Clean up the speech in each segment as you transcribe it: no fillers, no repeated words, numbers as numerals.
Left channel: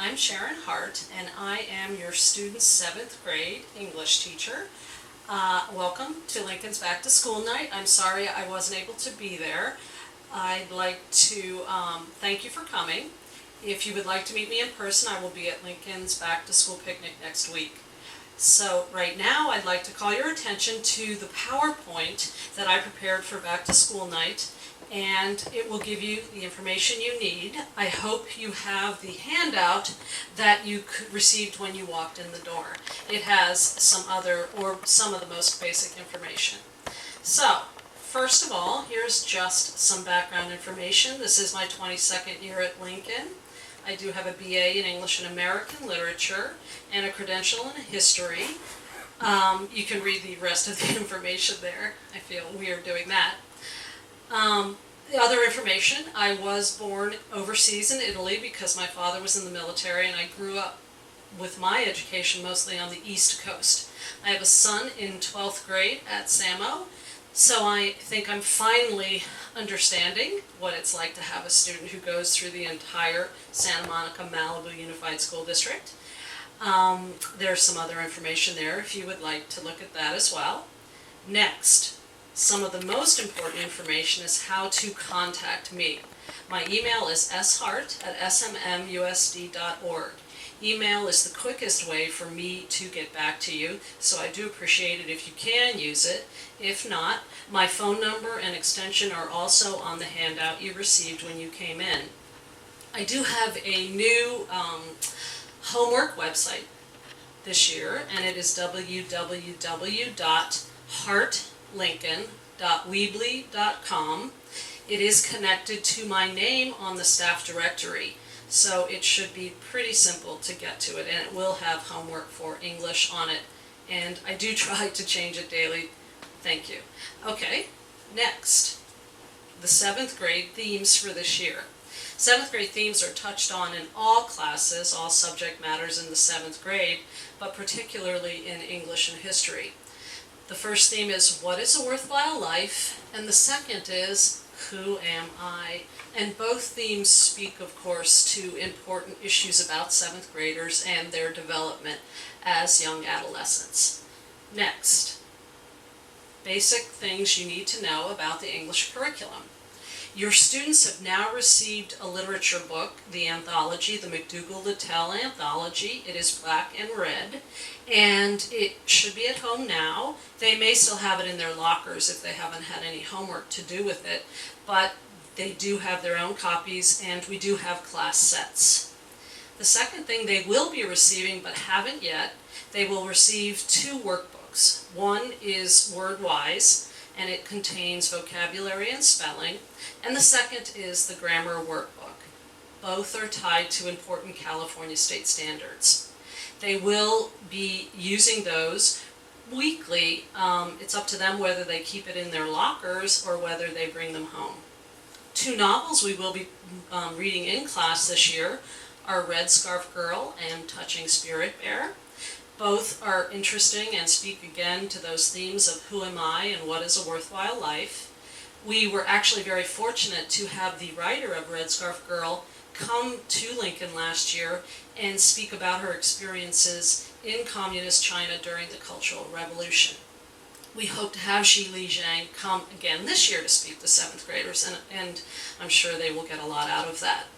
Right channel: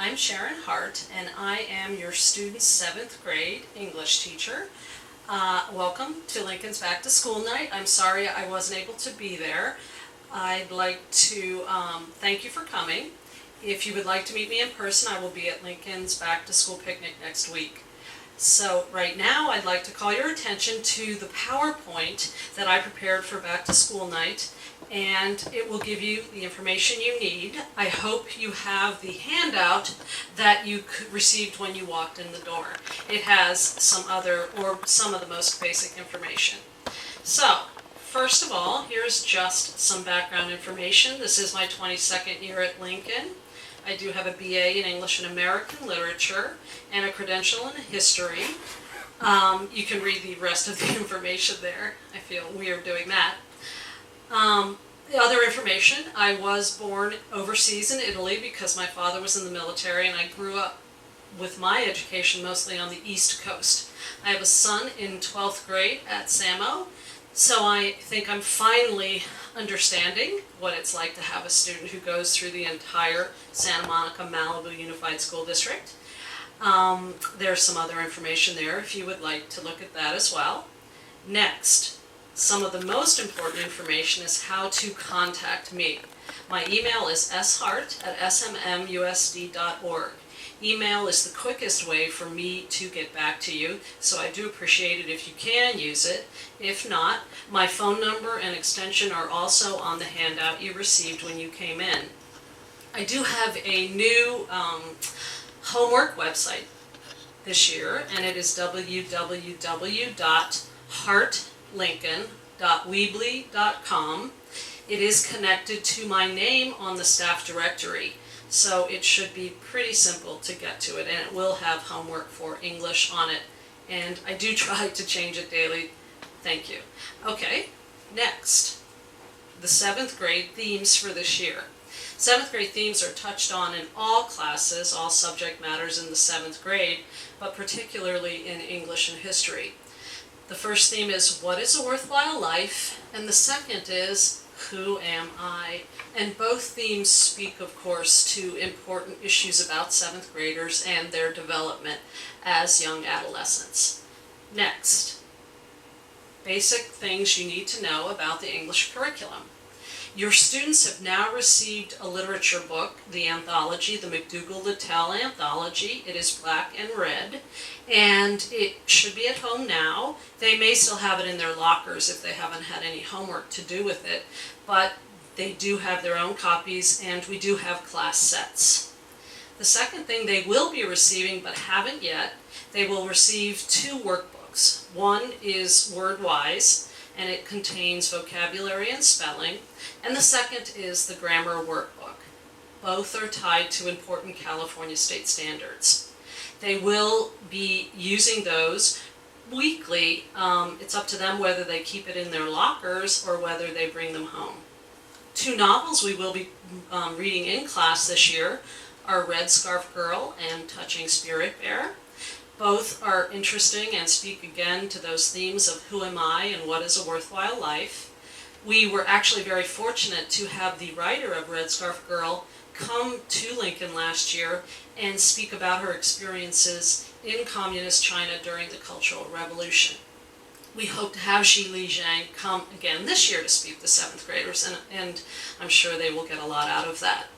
I'm Sharon Hart, and I am your student's 7th grade English teacher. Welcome to Lincoln's Back to School Night. I'm sorry I wasn't able to be there. I'd like to thank you for coming. If you would like to meet me in person, I will be at Lincoln's Back to School picnic next week. So right now I'd like to call your attention to the PowerPoint that I prepared for Back to School Night, and it will give you the information you need. I hope you have the handout that you received when you walked in the door. It has some of the most basic information. So, first of all, here's just some background information. This is my 22nd year at Lincoln. I do have a BA in English and American Literature and a credential in History. You can read the rest of the information there. I feel weird doing that. The other information, I was born overseas in Italy because my father was in the military, and I grew up with my education mostly on the East Coast. I have a son in 12th grade at SAMO, so I think I'm finally understanding what it's like to have a student who goes through the entire Santa Monica Malibu Unified School District. There's some other information there if you would like to look at that as well. Next, some of the most important information is how to contact me. My email is shart@smmusd.org. Email is the quickest way for me to get back to you, so I do appreciate it if you can use it. If not, my phone number and extension are also on the handout you received when you came in. I do have a new homework website this year, and it is www.hartlincoln.weebly.com. It is connected to my name on the staff directory, so it should be pretty simple to get to it, and it will have homework for English on it, and I do try to change it daily. Thank you. Okay, next, the 7th grade themes for this year. 7th grade themes are touched on in all classes, all subject matters in the 7th grade, but particularly in English and History. The first theme is, what is a worthwhile life? And the second is, who am I? And both themes speak, of course, to important issues about 7th graders and their development as young adolescents. Next, basic things you need to know about the English curriculum. Your students have now received a literature book, the anthology, the McDougall-Littell anthology. It is black and red, and it should be at home now. They may still have it in their lockers if they haven't had any homework to do with it, but they do have their own copies, and we do have class sets. The second thing they will be receiving, but haven't yet, they will receive 2 workbooks. One is WordWise, and it contains vocabulary and spelling, and the second is the grammar workbook. Both are tied to important California state standards. They will be using those weekly. It's up to them whether they keep it in their lockers or whether they bring them home. 2 novels we will be reading in class this year are Red Scarf Girl and Touching Spirit Bear. Both are interesting and speak again to those themes of who am I and what is a worthwhile life. We were actually very fortunate to have the writer of Red Scarf Girl come to Lincoln last year and speak about her experiences in communist China during the Cultural Revolution. We hope to have Xi Li Zhang come again this year to speak to 7th graders, and I'm sure they will get a lot out of that.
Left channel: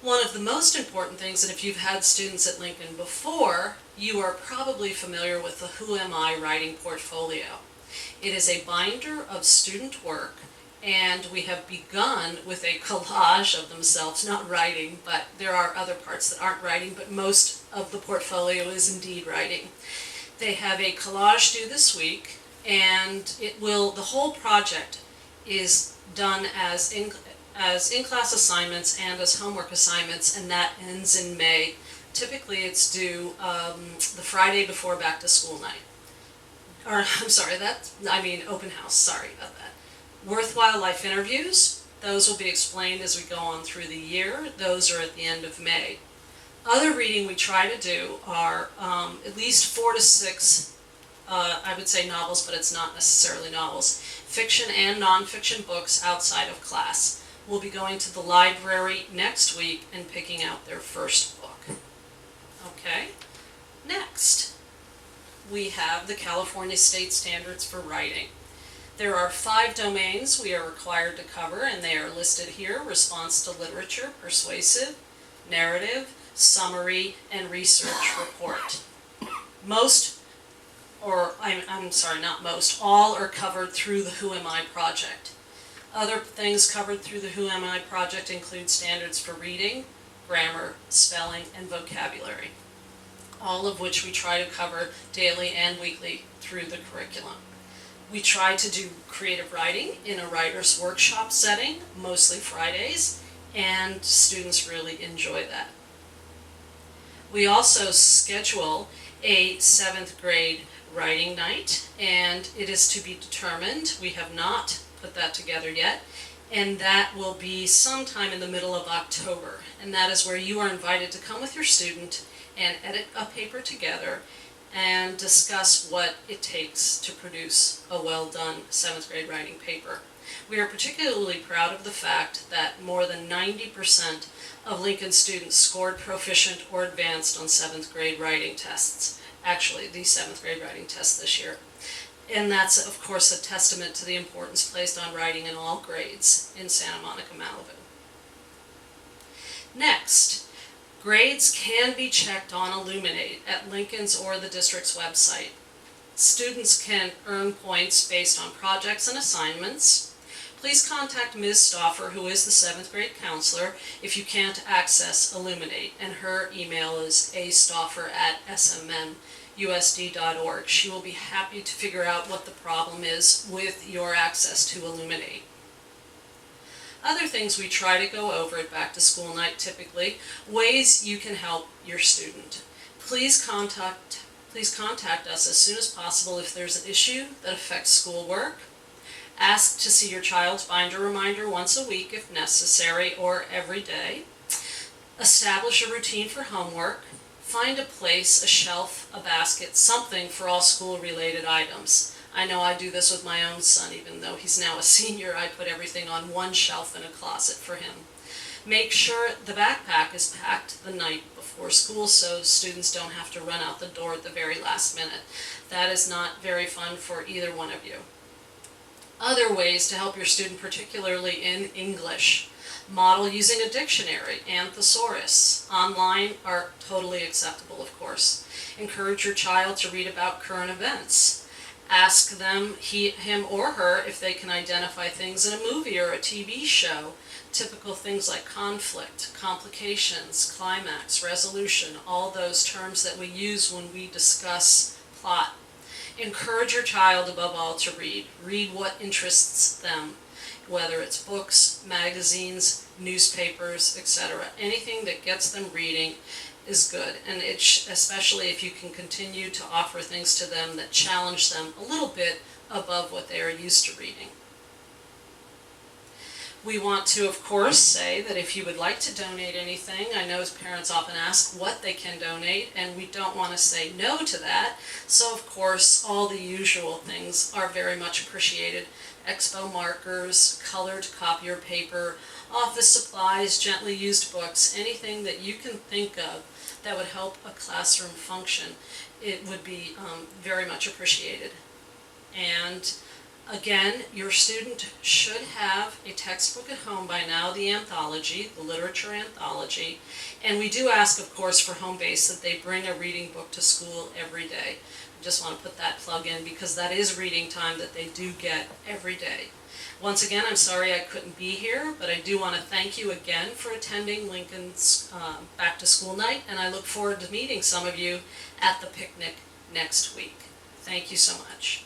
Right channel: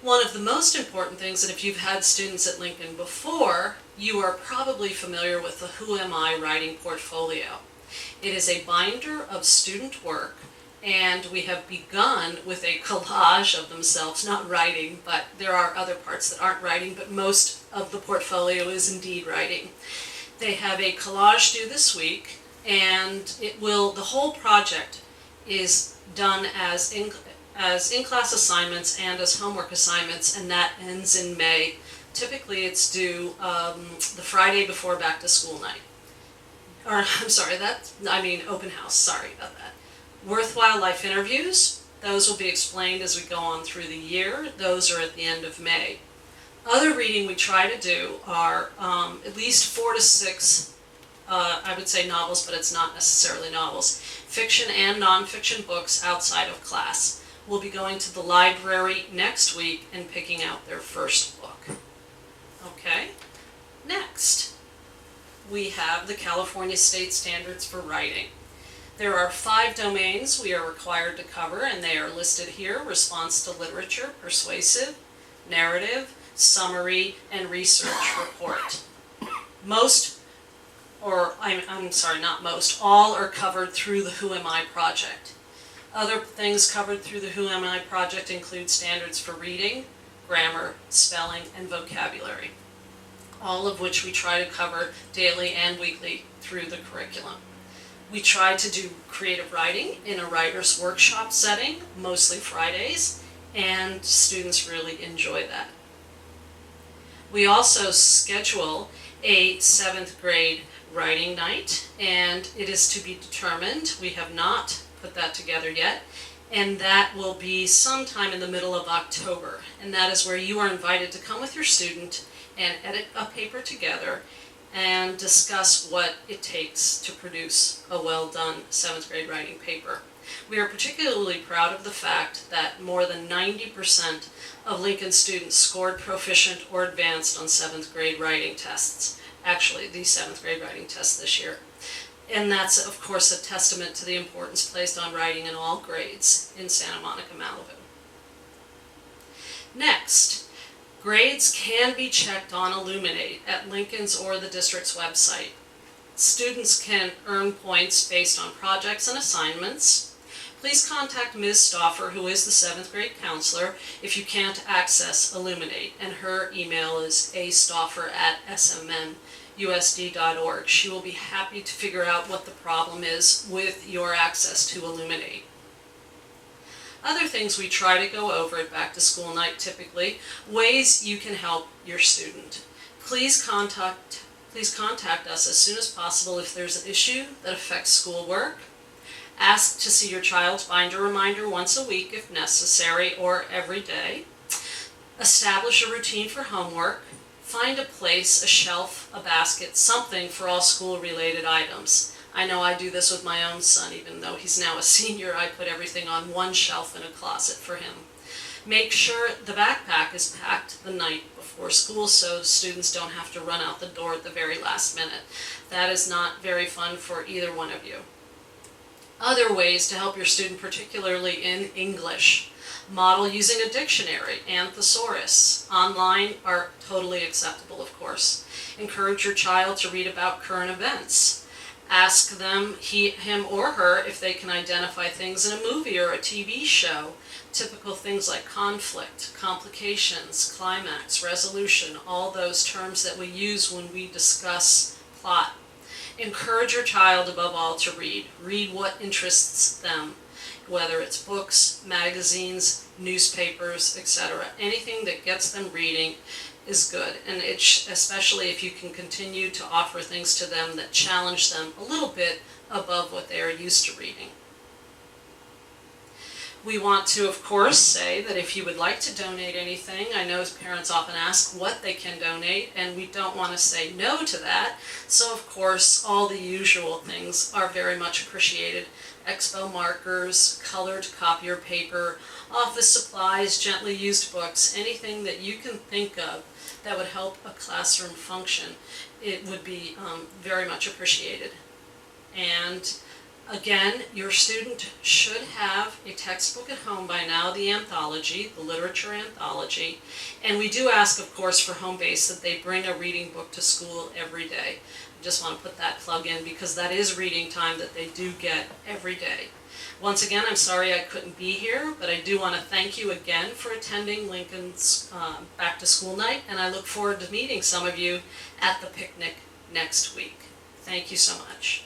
One of the most important things, and if you've had students at Lincoln before, you are probably familiar with the Who Am I writing portfolio. It is a binder of student work, and we have begun with a collage of themselves, not writing, but there are other parts that aren't writing, but most of the portfolio is indeed writing. They have a collage due this week, and the whole project is done as in-class assignments and as homework assignments, and that ends in May. Typically it's due the Friday before back to school night. Or, I'm sorry, open house, sorry about that. Worthwhile life interviews, those will be explained as we go on through the year. Those are at the end of May. Other reading we try to do are at least 4 to 6, I would say novels, but it's not necessarily novels, fiction and nonfiction books outside of class. Will be going to the library next week and picking out their first book. Okay, next we have the California State Standards for Writing. There are 5 domains we are required to cover, and they are listed here: response to literature, persuasive, narrative, summary, and research report. All are covered through the Who Am I project. Other things covered through the Who Am I project include standards for reading, grammar, spelling, and vocabulary, all of which we try to cover daily and weekly through the curriculum. We try to do creative writing in a writer's workshop setting, mostly Fridays, and students really enjoy that. We also schedule a 7th grade writing night, and it is to be determined. We have not put that together yet, and that will be sometime in the middle of October. And that is where you are invited to come with your student and edit a paper together and discuss what it takes to produce a well-done 7th grade writing paper. We are particularly proud of the fact that more than 90% of Lincoln students scored proficient or advanced on 7th grade writing tests. Actually, the 7th grade writing test this year. And that's, of course, a testament to the importance placed on writing in all grades in Santa Monica, Malibu. Next, grades can be checked on Illuminate at Lincoln's or the district's website. Students can earn points based on projects and assignments. Please contact Ms. Stauffer, who is the 7th grade counselor, if you can't access Illuminate, and her email is astauffer@smnusd.org. She will be happy to figure out what the problem is with your access to Illuminate. Other things we try to go over at Back to School Night typically, ways you can help your student. Please contact us as soon as possible if there's an issue that affects schoolwork. Ask to see your child's binder reminder once a week if necessary, or every day. Establish a routine for homework. Find a place, a shelf, a basket, something for all school-related items. I know I do this with my own son. Even though he's now a senior, I put everything on one shelf in a closet for him. Make sure the backpack is packed the night before school so students don't have to run out the door at the very last minute. That is not very fun for either one of you. Other ways to help your student, particularly in English. Model using a dictionary and thesaurus. Online are totally acceptable, of course. Encourage your child to read about current events. Ask them, him or her, if they can identify things in a movie or a TV show. Typical things like conflict, complications, climax, resolution, all those terms that we use when we discuss plot. Encourage your child, above all, to read. Read what interests them, whether it's books, magazines, newspapers, etc. Anything that gets them reading is good, and especially if you can continue to offer things to them that challenge them a little bit above what they are used to reading. We want to, of course, say that if you would like to donate anything, I know parents often ask what they can donate, and we don't want to say no to that. So, of course, all the usual things are very much appreciated. Expo markers, colored copier paper, office supplies, gently used books, anything that you can think of that would help a classroom function, it would be very much appreciated. And again, your student should have a textbook at home by now, the anthology, the literature anthology. And we do ask, of course, for home base that they bring a reading book to school every day. I just want to put that plug in because that is reading time that they do get every day. Once again, I'm sorry I couldn't be here, but I do want to thank you again for attending Lincoln's Back to School Night, and I look forward to meeting some of you at the picnic next week. Thank you so much.